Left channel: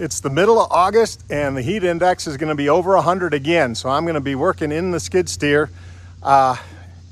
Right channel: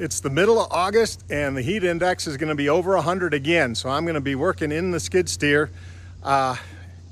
It's the middle of August and the heat index is going to be over 100 again. So I'm going to be working in the skid steer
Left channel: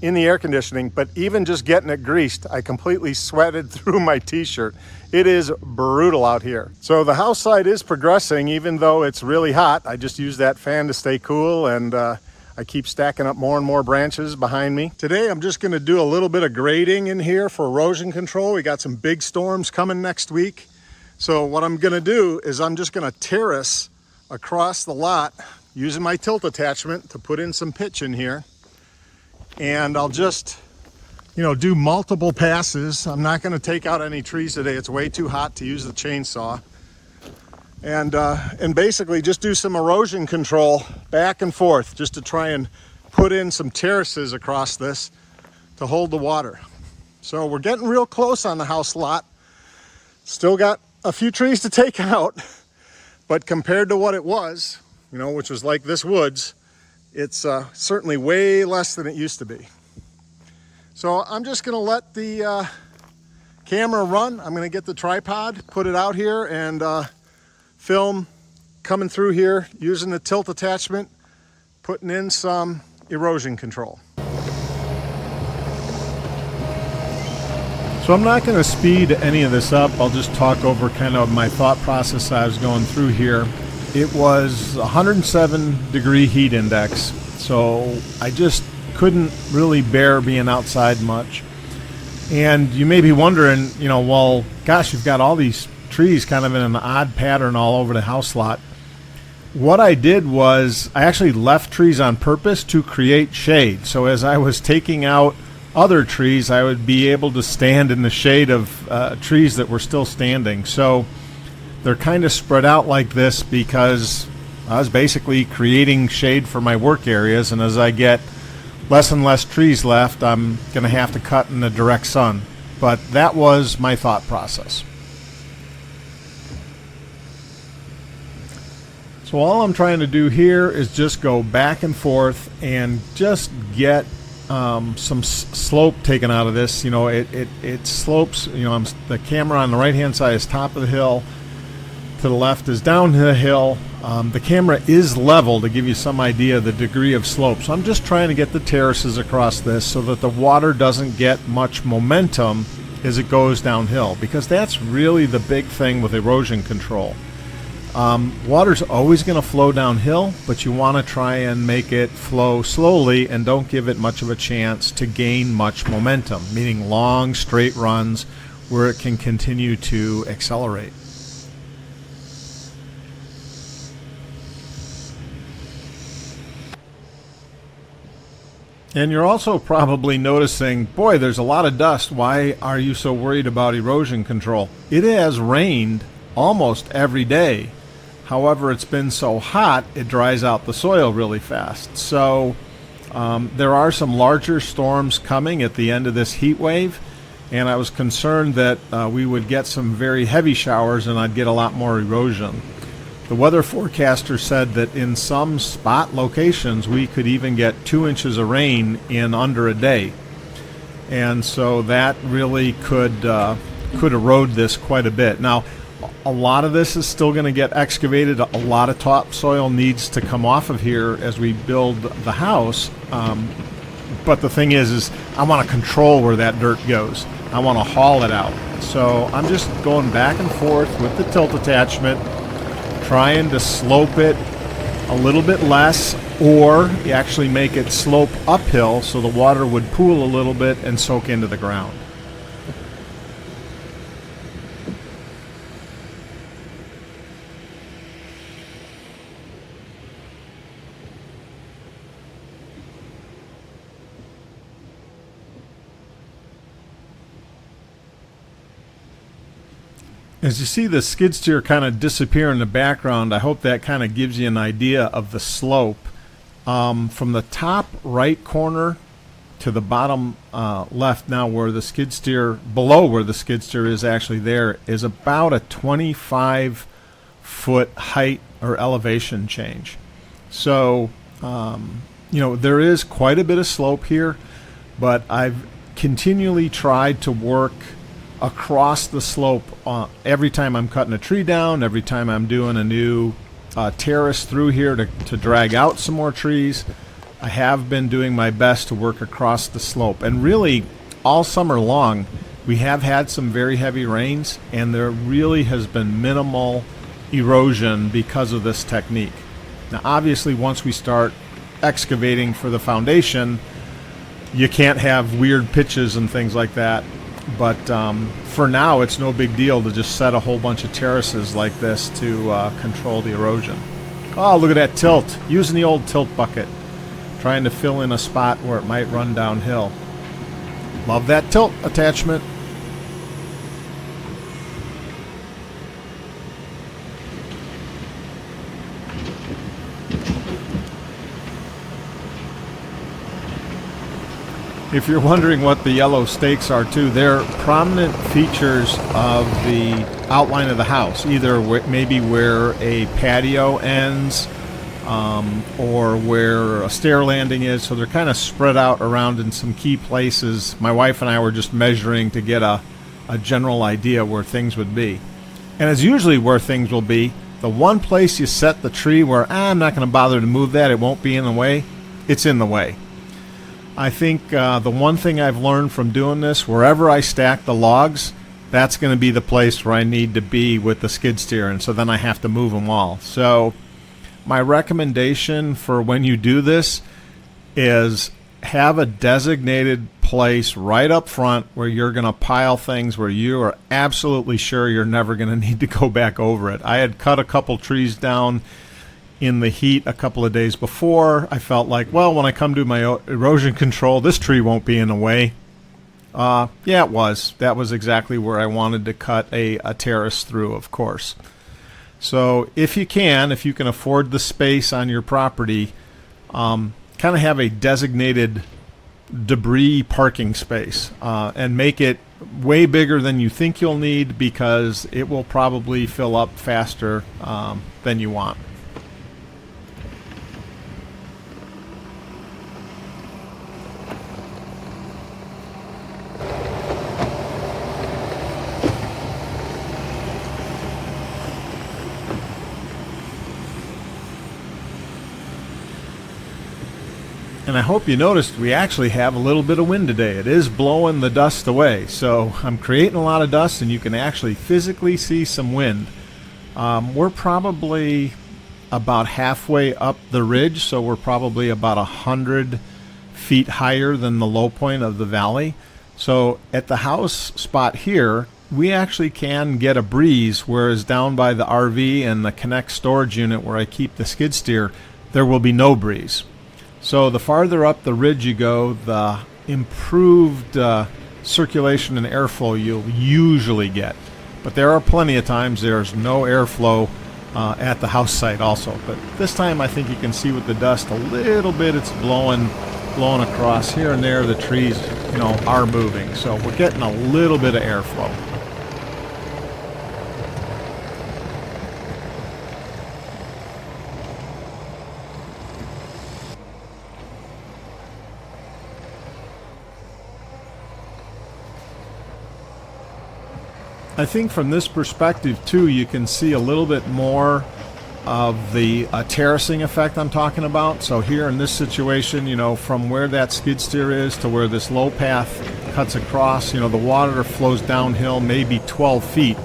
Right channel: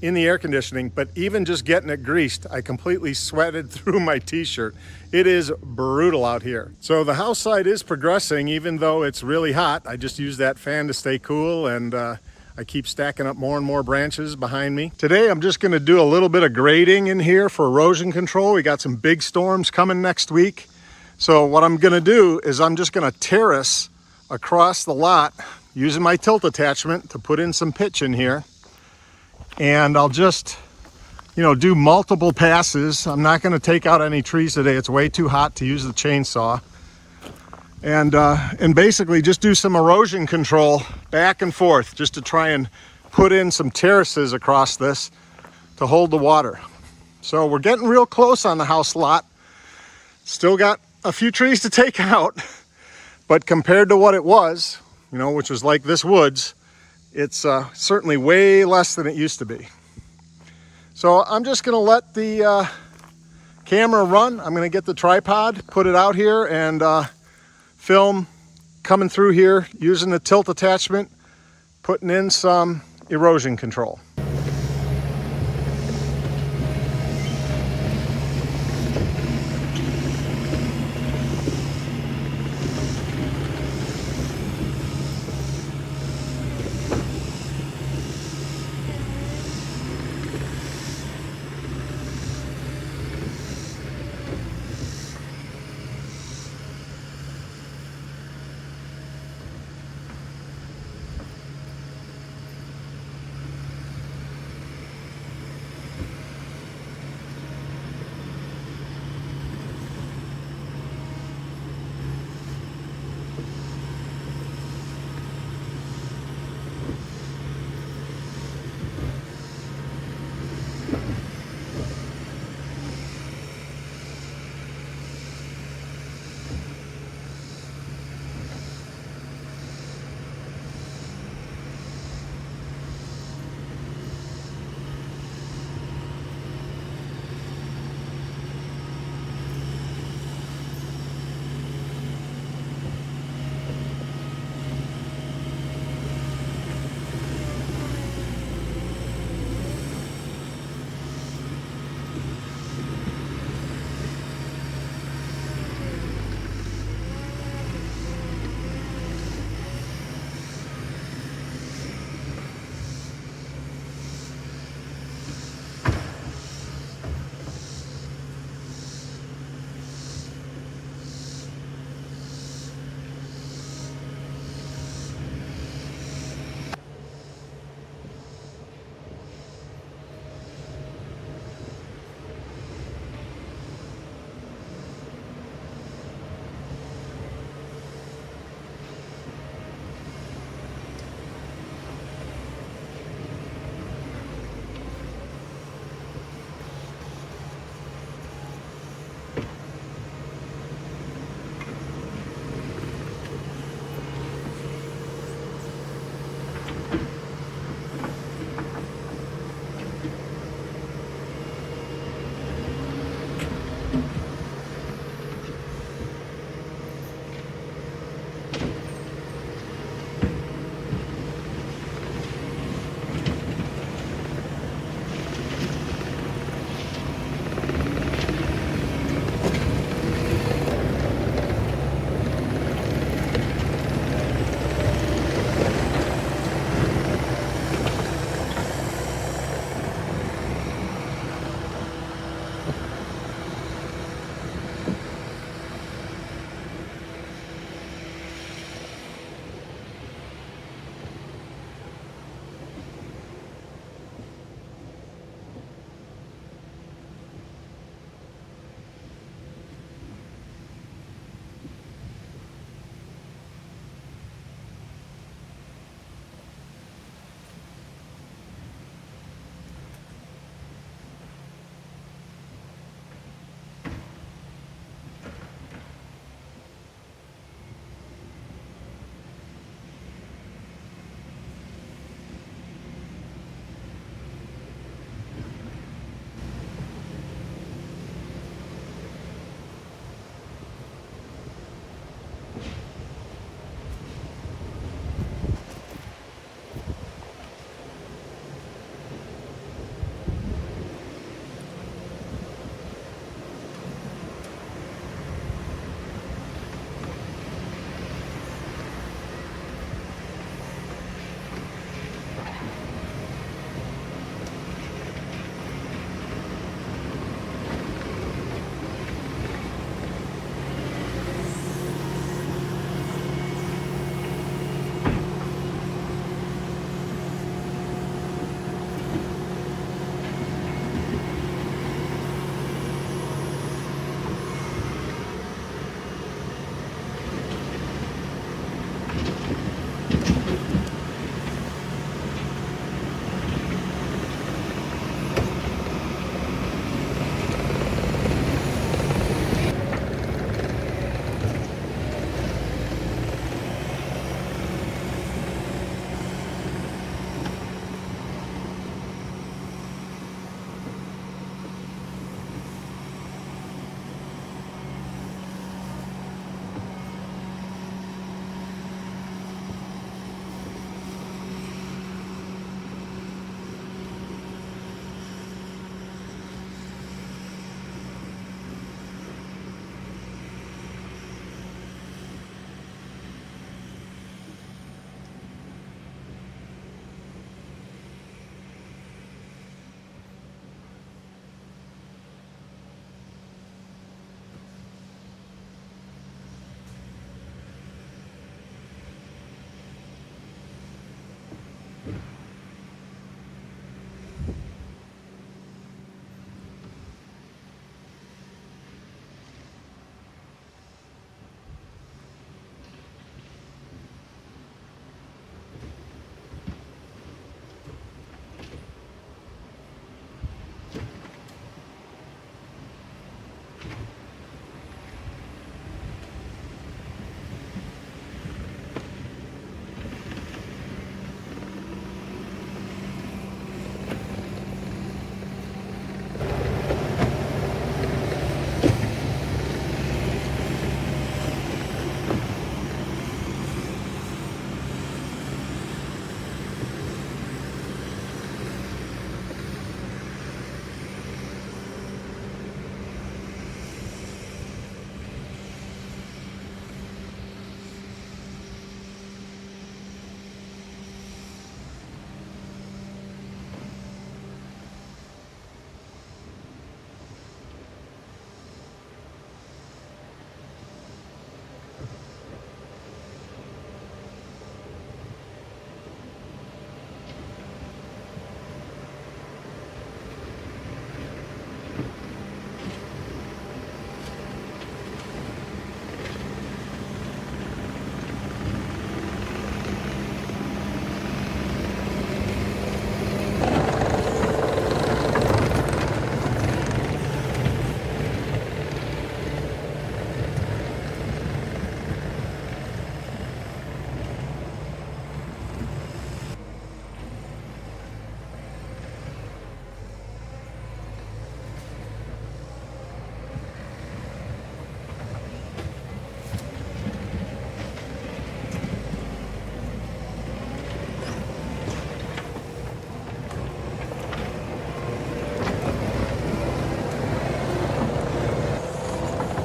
in the air conditioning, but even just getting it greased, I completely sweated through my t-shirt. It is brutal out here. So the house side is progressing even though it's really hot. I just use that fan to stay cool, and I keep stacking up more and more branches behind me. Today I'm just going to do a little bit of grading in here for erosion control. We got some big storms coming next week. So what I'm going to do is I'm just going to terrace across the lot using my tilt attachment to put in some pitch in here. And I'll just, do multiple passes. I'm not going to take out any trees today. It's way too hot to use the chainsaw. And basically just do some erosion control back and forth just to try and put in some terraces across this to hold the water. So we're getting real close on the house lot. Still got a few trees to take out, but compared to what it was, which was like this woods, it's certainly way less than it used to be. So I'm just going to let the camera run. I'm going to get the tripod, put it out here, and film coming through here using the tilt attachment, putting in some erosion control. So I'm not going to speed any of this up. I'll just talk over kind of my thought process I was going through here. It was 107-degree heat index, so I just couldn't really bear being outside much. And you may be wondering, well, gosh, you've got all these trees kind of in an odd pattern all over the house lot. What I did was I actually left trees on purpose to create shade. So as I was taking out other trees, I would be able to stand in the shade of trees that were still standing. So they're kind of spread out like this because I was basically creating shade for my work areas, and as I get less and less trees left, I'm going to have to cut in the direct sun. But that was my thought process. So all I'm trying to do here is just go back and forth and just get some slope taken out of this. It slopes. The camera on the right hand side is top of the hill, to the left is down the hill. The camera is level to give you some idea of the degree of slope. So I'm just trying to get the terraces across this so that the water doesn't get much momentum as it goes downhill, because that's really the big thing with erosion control. Water's always going to flow downhill, but you want to try and make it flow slowly and don't give it much of a chance to gain much momentum, meaning long straight runs where it can continue to accelerate. And you're also probably noticing, boy, there's a lot of dust. Why are you so worried about erosion control? It has rained almost every day. However, it's been so hot, it dries out the soil really fast. So there are some larger storms coming at the end of this heat wave, and I was concerned that we would get some very heavy showers and I'd get a lot more erosion. The weather forecaster said that in some spot locations we could even get 2 inches of rain in under a day. And so that really could erode this quite a bit. Now, a lot of this is still going to get excavated. A lot of topsoil needs to come off of here as we build the house. But the thing is I want to control where that dirt goes. I want to haul it out. So I'm just going back and forth with the tilt attachment, trying to slope it a little bit less, or actually make it slope uphill so the water would pool a little bit and soak into the ground. As you see the skid steer kind of disappear in the background, I hope that kind of gives you an idea of the slope. From the top right corner to the bottom left now, where the skid steer, below where the skid steer is actually there, is about a 25-foot height or elevation change. So, there is quite a bit of slope here, but I've continually tried to work across the slope every time I'm cutting a tree down, every time I'm doing a new terrace through here to drag out some more trees. I have been doing my best to work across the slope, and really all summer long we have had some very heavy rains, and there really has been minimal erosion because of this technique. Now obviously once we start excavating for the foundation, you can't have weird pitches and things like that, but for now it's no big deal to just set a whole bunch of terraces like this to control the erosion. Oh, look at that tilt, using the old tilt bucket, trying to fill in a spot where it might run downhill. Love that tilt attachment. If you're wondering what the yellow stakes are too, they're prominent features of the outline of the house, either maybe where a patio ends or where a stair landing is, so they're kind of spread out around in some key places. My wife and I were just measuring to get a general idea where things would be. And it's usually where things will be. The one place you set the tree where I'm not going to bother to move that, it won't be in the way, it's in the way. I think the one thing I've learned from doing this, wherever I stack the logs, that's going to be the place where I need to be with the skid steer, and so then I have to move them all. So my recommendation for when you do this is have a designated place right up front where you're going to pile things where you are absolutely sure you're never going to need to go back over it. I had cut a couple trees down in the heat a couple of days before. I felt like, well, when I come to my erosion control, this tree won't be in the way. Yeah, it was. That was exactly where I wanted to cut a terrace through, of course. So if you can afford the space on your property, kind of have a designated debris parking space and make it way bigger than you think you'll need, because it will probably fill up faster than you want. And I hope you noticed we actually have a little bit of wind today. It is blowing the dust away. So I'm creating a lot of dust, and you can actually physically see some wind. We're probably about halfway up the ridge, so we're probably about 100 feet higher than the low point of the valley. So at the house spot here, we actually can get a breeze, whereas down by the RV and the CONNEX storage unit where I keep the skid steer, there will be no breeze. So the farther up the ridge you go, the improved circulation and airflow you'll usually get. But there are plenty of times there's no airflow at the house site also. But this time I think you can see with the dust a little bit, it's blowing across here and there. The trees, are moving. So we're getting a little bit of airflow. I think from this perspective too, you can see a little bit more of the terracing effect I'm talking about. So here in this situation, from where that skid steer is to where this low path cuts across, the water flows downhill maybe 12 feet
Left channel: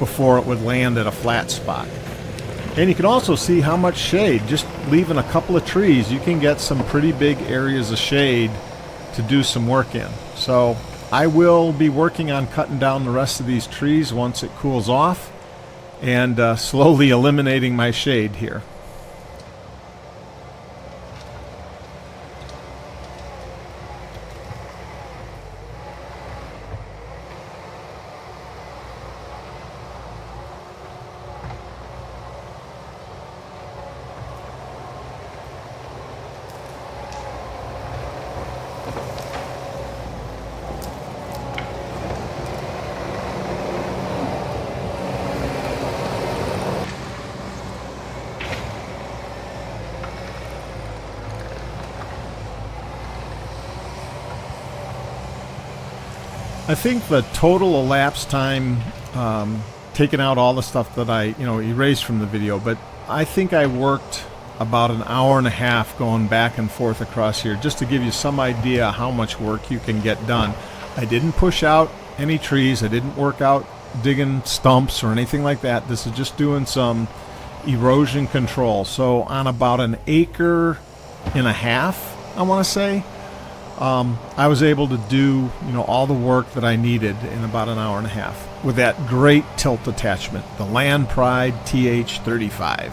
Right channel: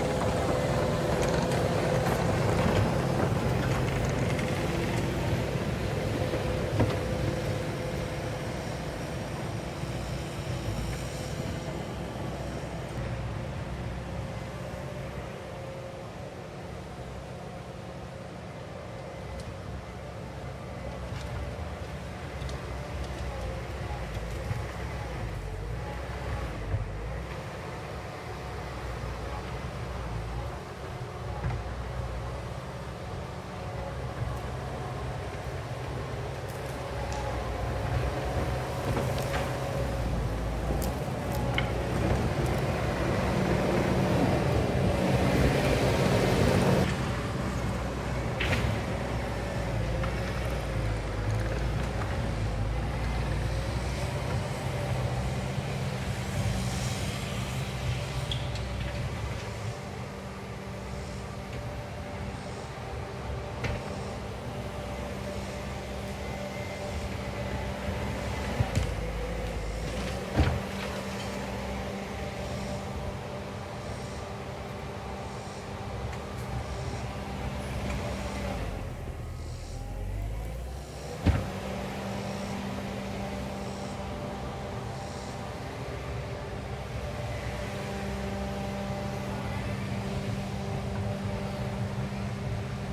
before it would land at a flat spot. And you can also see how much shade, just leaving a couple of trees, you can get some pretty big areas of shade to do some work in. So I will be working on cutting down the rest of these trees once it cools off, and slowly eliminating my shade here. I think the total elapsed time, taking out all the stuff that I erased from the video, but I think I worked about an hour and a half going back and forth across here, just to give you some idea how much work you can get done. I didn't push out any trees, I didn't work out digging stumps or anything like that. This is just doing some erosion control. So on about an acre and a half, I want to say, I was able to do all the work that I needed in about an hour and a half with that great tilt attachment, the Land Pride TH35.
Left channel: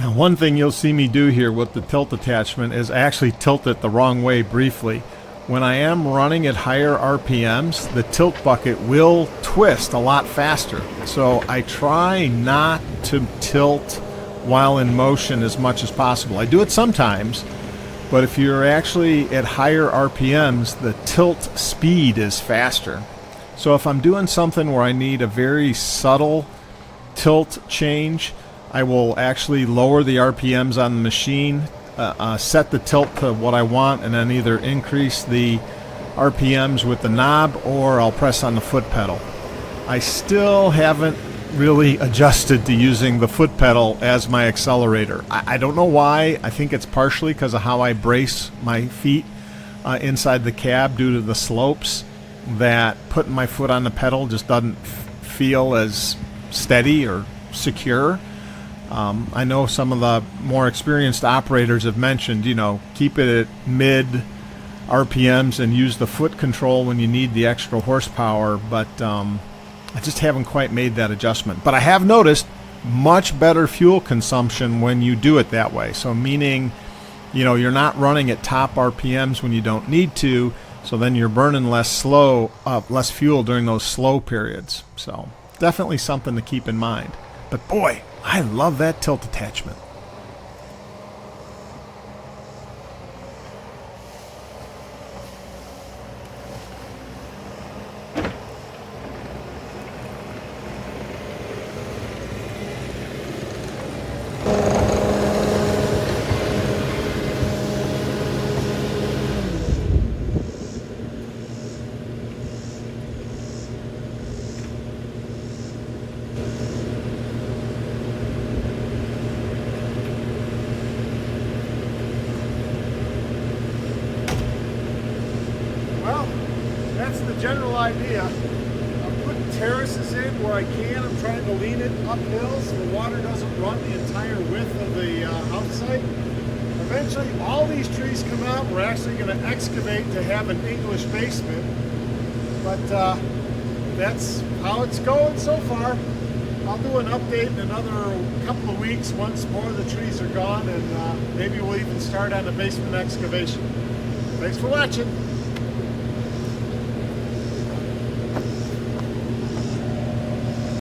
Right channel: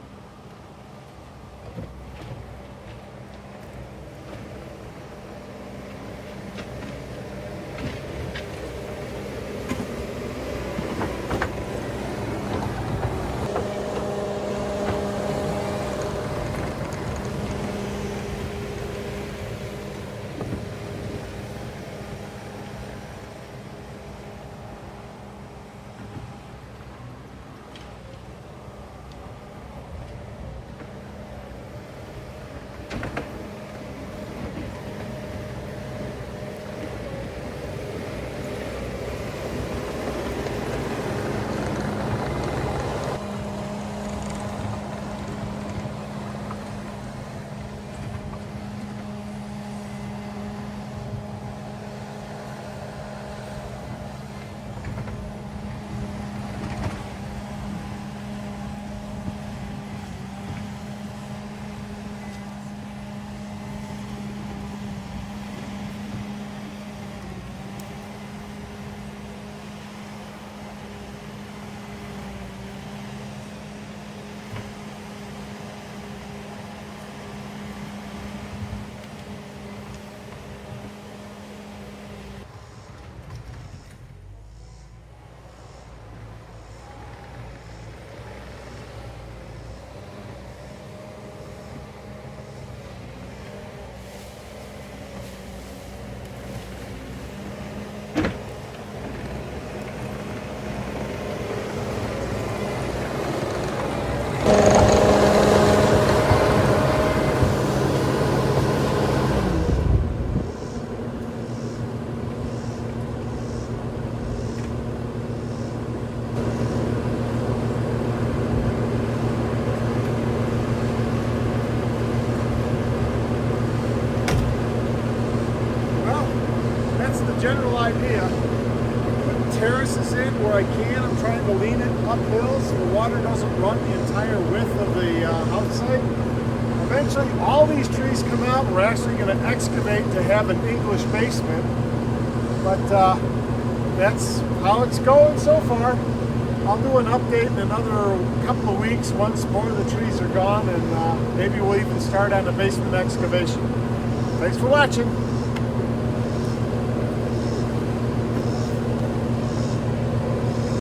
Now, one thing you'll see me do here with the tilt attachment is actually tilt it the wrong way briefly. When I am running at higher RPMs, the tilt bucket will twist a lot faster. So I try not to tilt while in motion as much as possible. I do it sometimes, but if you're actually at higher RPMs, the tilt speed is faster. So if I'm doing something where I need a very subtle tilt change, I will actually lower the RPMs on the machine, set the tilt to what I want, and then either increase the RPMs with the knob or I'll press on the foot pedal. I still haven't really adjusted to using the foot pedal as my accelerator. I don't know why. I think it's partially because of how I brace my feet inside the cab due to the slopes, that putting my foot on the pedal just doesn't feel as steady or secure. I know some of the more experienced operators have mentioned, keep it at mid RPMs and use the foot control when you need the extra horsepower, but I just haven't quite made that adjustment. But I have noticed much better fuel consumption when you do it that way. So meaning, you're not running at top RPMs when you don't need to, so then you're burning less fuel during those slow periods. So definitely something to keep in mind. But boy, I love that tilt attachment. General idea. I'm putting terraces in where I can. I'm trying to lean it uphill so the water doesn't run the entire width of the house site. Eventually all these trees come out. We're actually going to excavate to have an English basement, but that's how it's going so far. I'll do an update in another couple of weeks once more of the trees are gone, and maybe we'll even start on the basement excavation. Thanks for watching.